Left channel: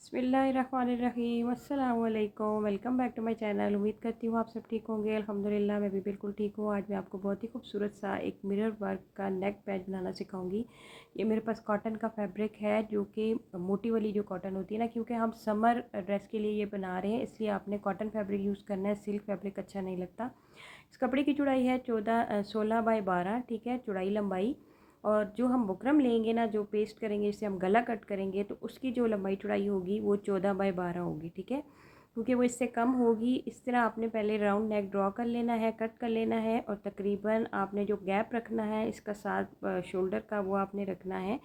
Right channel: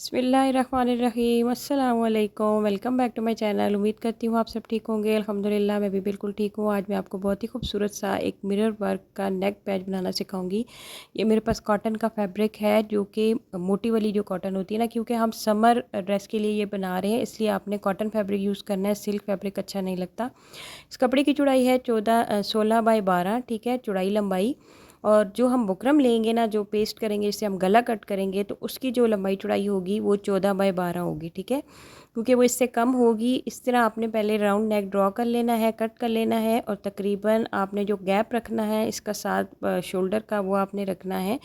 बिस्मिल्लाहिर्रहमानिर्रहीम अस्सलाम वालेकुम। Welcome back to my channel. उम्मीद करती हूँ आप सब ठीक होंगे। अल्हम्दुलिल्लाह मैं भी बिल्कुल ठीक हूँ। आज मैं आपको बहुत ही खूबसूरत सा एक मिरर वर्क का नेक पैच बनाना सिखाऊंगी। ये मेरे पास कॉटन का फैब्रिक है, जो कि मोटी वाली जो कॉटन होती है ना, क्योंकि हम समर ड्रेस के लिए ये बना रहे हैं, इसलिए आपने कॉटन फैब्रिक यूज़ करना है। सिल्क फैब्रिक अच्छा नहीं लगता। इस कपड़े की चौड़ाई है 16 बाई 12, ठीक है, चौड़ाई लंबाई। और जो हम बुकरम लेंगे ना, जो पेस्ट करेंगे, जिससे हम गला कट करेंगे, तो उसकी जो लंबाई चौड़ाई होगी वो 14 बाई 12 होगी, ठीक है, क्योंकि वो इससे कम होगी। इस तरह आपने पहले राउंड नेक ड्रॉ कर लेना है, कट कर लेना है, और तकरीबन आपने जो गैप रखना है इसका साथ शोल्डर का, वो आपने रखना है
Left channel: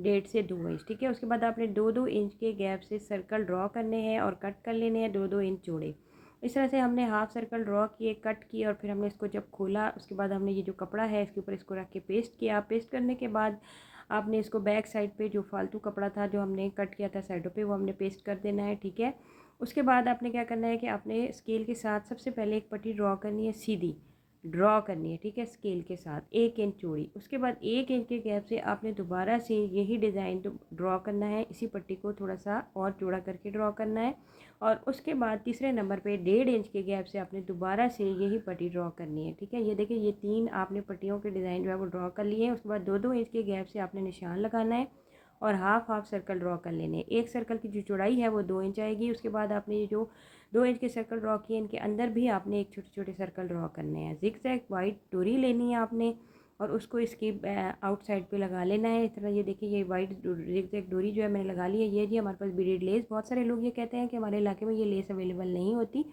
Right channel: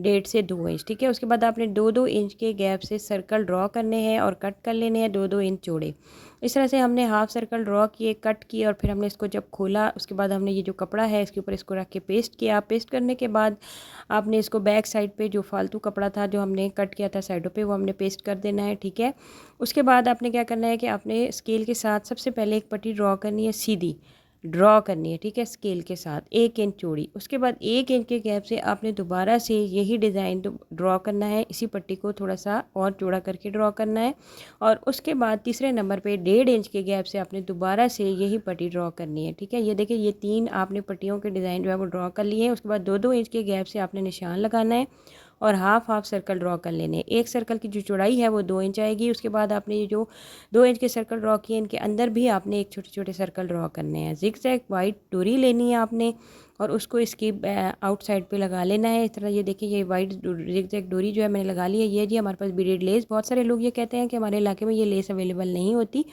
1.5 से 2 इंच, ठीक है। उसके बाद आपने 2-2 इंच के गैप से सर्कल ड्रॉ करने हैं और कट कर लेने हैं 2-2 इंच चौड़े। इस तरह से हमने हाफ सर्कल ड्रॉ किए, कट किए, और फिर हमने इसको जब खोला, उसके बाद हमने ये जो कपड़ा है इसके ऊपर इसको रख के पेस्ट किया। पेस्ट करने के बाद आपने इसको बैक साइड पे जो फालतू कपड़ा था जो हमने कट किया था साइडों पे, वो हमने पेस्ट कर देना है, ठीक है। उसके बाद आपने क्या करना है कि आपने स्केल के साथ सबसे पहले एक पट्टी ड्रॉ करनी है, सीधी ड्रॉ करनी है, ठीक है, स्केल के साथ 1 इंच चौड़ी। उसके बाद 1 इंच के गैप से आपने दोबारा से यही डिज़ाइन ड्रॉ करना है, इसी पट्टी को थोड़ा सा और चौड़ा करके ड्रॉ करना है। और उसके बाद तीसरे नंबर पे 1.5 इंच के गैप से आपने दोबारा से यही पट्टी ड्रॉ करनी है, ठीक है। ये देखिए, ये 3 आपने पट्टियों के डिज़ाइन जो है वो ड्रॉ कर लिए हैं। उसके बाद 2-2 इंच के गैप से आपने निशान लगाना है और हाफ हाफ सर्कल ड्रॉ कर लेने हैं। एक सर्कल की जो चौड़ाई है वो 2 इंच आएगी। उसके बाद आपने ये जो 2 इंच के सर्कल ड्रॉ किए, इनके अंदर भी आपने एक छोटे छोटे सर्कल ड्रॉ करने हैं। जिग जैग वाइट डोरी लेनी है आपने, और उसको इसकी आउटसाइड पे लगा लेना है इस तरह। ये देखिए, ये वाइट जिग जैग डोरी जो है मैंने लगा ली है। ये जी हमारे पास बीडेड लेस, बहुत सारे लोग ये कहते हैं कि हमारे इलाके में ये लेस अवेलेबल नहीं होती,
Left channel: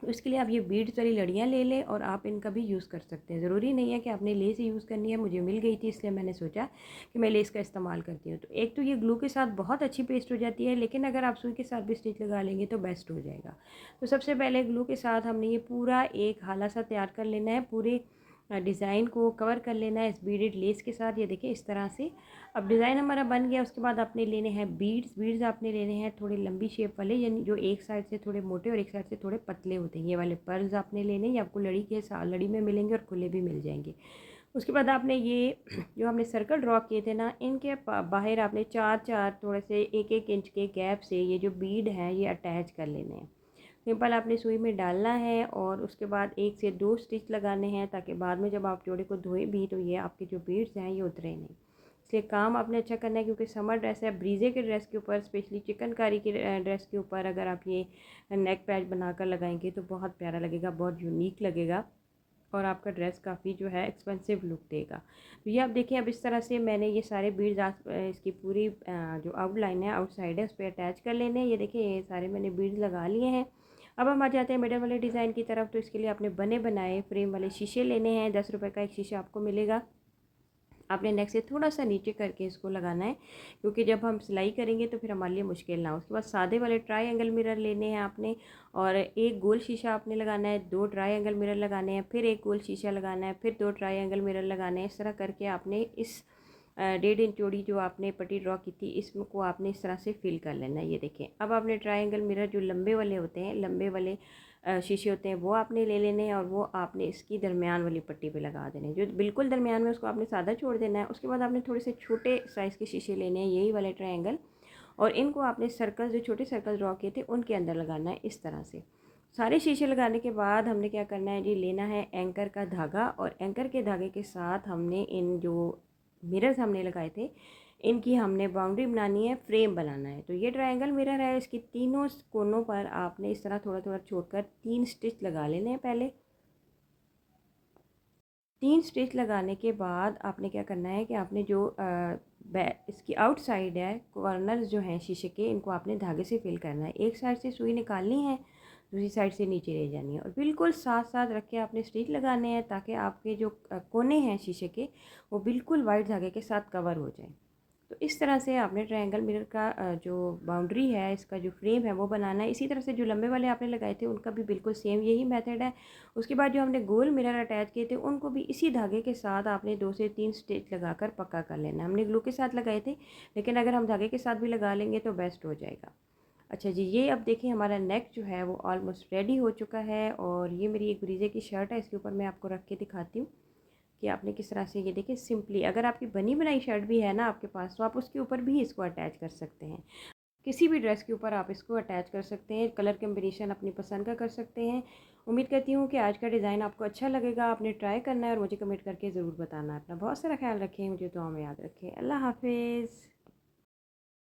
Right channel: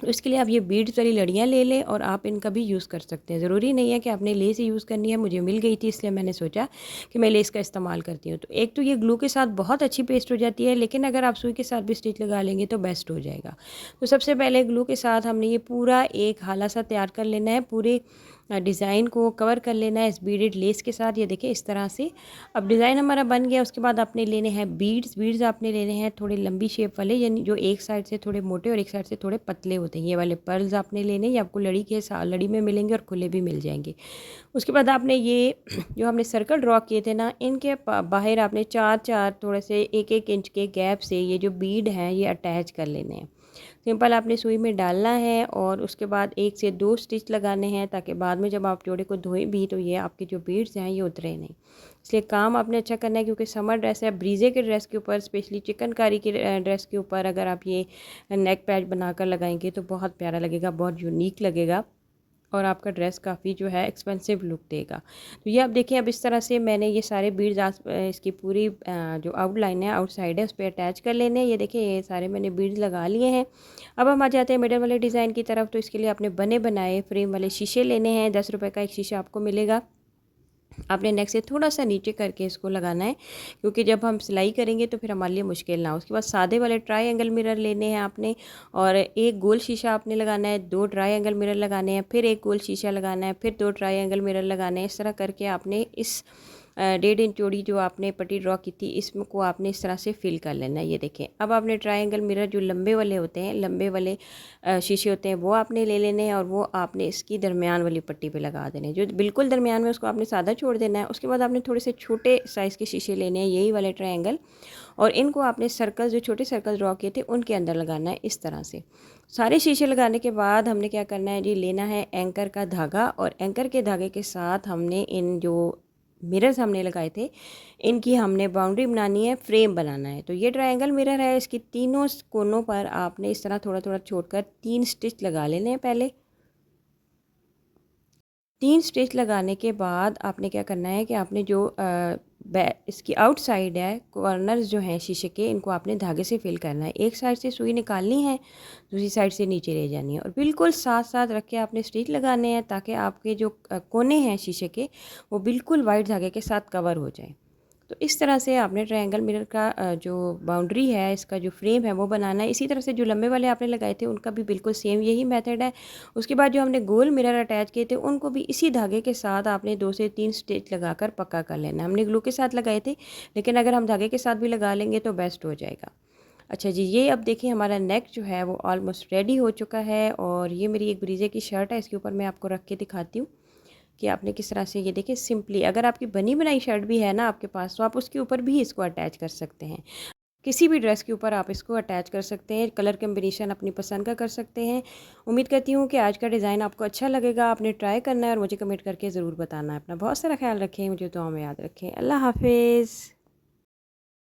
तो इसके लिए आप ये बीड्स वाली लड़ियाँ ले लें और आप इनका भी यूज़ कर सकते हैं। ज़रूरी नहीं है कि आपने लेस ही यूज़ करनी है। मुझे मिल गई थी, इसलिए मैंने सोचा कि मैं लेस का इस्तेमाल करती हूँ। तो एक तो ये ग्लू के साथ बहुत अच्छी पेस्ट हो जाती है, लेकिन अगर आप सुई के साथ भी स्टिच लगा लेंगे तो बेस्ट हो जाएगा। तो सबसे पहले ग्लू के साथ हमने ये पूरा एक हाला सा तैयार कर लेना है, पूरे डिज़ाइन को कवर कर लेना है इस बीडेड लेस के साथ। ये देखिए इस तरह से। अब डिज़ाइन हमारा बन गया। उसके बाद आपने लेने हैं बीड्स। बीड्स आपने लेने हैं थोड़ी लंबी शेप वाले, यानी जो एक साइड से थोड़े मोटे और एक साइड से थोड़े पतले होते हैं। ये वाले पर्ल्स आपने लेने, ये आपको लड़ी के साथ लड़ी में मिलेंगे और खुले भी मिल जाएंगे। उसके बाद आपने ये जो हमने सर्कल ड्रॉ किए थे ना, इनके बाहर आपने 4-4 थोड़े से 1-1 इंच के गैप से ये जो बीड हैं ये अटैच कर लेने हैं। सिंपल आपने सुई में डालना है और उसके बाद 1 से 2 स्टिच लगाने हैं, ताकि बाद में जब आप जोड़े को धोएं भी तो ये आपके जो बीड्स हैं ये उतरे नहीं। इसलिए काम आपने अच्छा करना है, क्योंकि समर ड्रेस है। ब्रीजे के ड्रेस के ऊपर, स्पेशली चिकनकारी के ड्रेस के ऊपर अगर आप ये नेक पैच बनाकर लगाएंगे तो बहुत प्यारा लगेगा, बहुत यूनिक लगेगा, और आपका ड्रेस काफ़ी जो है एक्सपेंसिव लुक देगा। तो ये आप देखिए, अब इस तरह से मैंने ये सारे बीड्स इसकी पूरी जो आउटलाइन है, आउटसाइड है, उस पर अटैच कर लेने हैं। ये देखिए, ये सारे मैंने बीड्स लगा लिए हैं। अब हम आ जाते हैं मिडल वाले डिज़ाइन की तरफ। तो इसके लिए आपने बने बनाए फ्रेम वाले शीशे लेने हैं। 10 रुपये का एक शीशा आपको मिलेगा। आपने नेक से थोड़ा सा नीचे करके इसको लगाना है, क्योंकि जब हम सिलाई करेंगे तो फिर हमारे लिए मुश्किल ना हो। उसके बाद सादे वाले ट्राई एंगल मिरर लेने हैं आपने, और एक गोल शीशा आपने लगाना है, 2 ट्राई एंगल मिरर लगाने हैं, फिर एक गोल शीशा लगाना है, फिर 2 ट्राई एंगल मिरर लगाने हैं। इस तरह करके आपने इस 1.5 इंच चौड़ी जो आपने पट्टी ड्रॉ की थी, इसको आपने इस तरह से फिल कर लेना है। ये देखें, अब आपने ट्रायंगल मिरर जो लंबे वाले होते हैं, लंबे वाले शीशे होते हैं, वो आपने ले लेने हैं, और वो आपने इसकी दरमियान वाली पट्टी पे लगा देने हैं। जो बिल्कुल दरमियान में उसको आपने सादा छोड़ देना है। उसके बाद आपने थोड़े से छोटे साइज़ के शीशे लेने हैं, यही वाले ट्रायंगल, और इनको आपने सर्कल, जो छोटे सर्कल ड्रॉ किए थे उनके अंदर लगाना है इस तरह से। सारे शीशे लगाने के बाद हमने क्या करना है जी, लेना है एंकर का धागा, और एंकर के धागे के साथ हमने इन जो मिरर्स हमने लगाए थे, इनकी हमने बाउंड्री बनानी है, फ्रेम बनाना है। तो ये ट्रायंगल मिरर है, इसकी तीनों कोनों पर आपने इस तरह थोड़ा थोड़ा छोड़कर 3 स्टिच लगा लेने हैं पहले। 3 स्टिच लगाने के बाद आपने क्या करना है कि आपने जो इसकी आउटसाइड है, कॉर्नर्स जो हैं शीशे के, इनको आपने धागे से फिल करना है। एक साइड से सुई निकालनी है, दूसरी साइड से नीचे ले जानी है, और बिल्कुल साथ साथ रख के आपने स्टिच लगाने हैं, ताकि आपके जो कोने हैं शीशे के, वो बिल्कुल वाइट धागे के साथ कवर हो जाए। तो इस तरह से आपने ट्रायंगल मिरर का जो बाउंड्री है, इसका जो फ्रेम है वो बनाना है। इसी तरह से जो लंबे वाले आपने लगाए थे उनका भी बिल्कुल सेम यही मेथड है। उसके बाद जो हमने गोल मिरर अटैच किए थे उनको भी इसी धागे के साथ आपने 2 से 3 स्टिच लगाकर पक्का कर लेना है। हमने ग्लू के साथ लगाए थे, लेकिन अगर हम धागे के साथ भी लगा लेंगे तो बेस्ट हो जाएगा। अच्छा जी, ये अब देखिए हमारा नेक जो है वो ऑलमोस्ट रेडी हो चुका है, और ये मेरी एक ब्रीजे की शर्ट है, इसके ऊपर मैं आपको रख के दिखाती हूँ कि आपने किस तरह से, ये देखिए सिंपली, अगर आपकी बनी बनाई शर्ट भी है ना आपके पास, तो आप उसके ऊपर भी इसको अटैच कर सकते हैं। किसी भी ड्रेस के ऊपर आप इसको अटैच कर सकते हैं। कलर कम्बिनेशन अपनी पसंद का कर सकते हैं। उम्मीद करती हूँ कि आज का डिज़ाइन आपको अच्छा लगेगा। आपने ट्राई करना है और मुझे कमेंट करके ज़रूर बताना है। अपना बहुत सारा ख्याल रखें, मुझे दुआ में याद रखें। अल्लाह हाफ़िज़।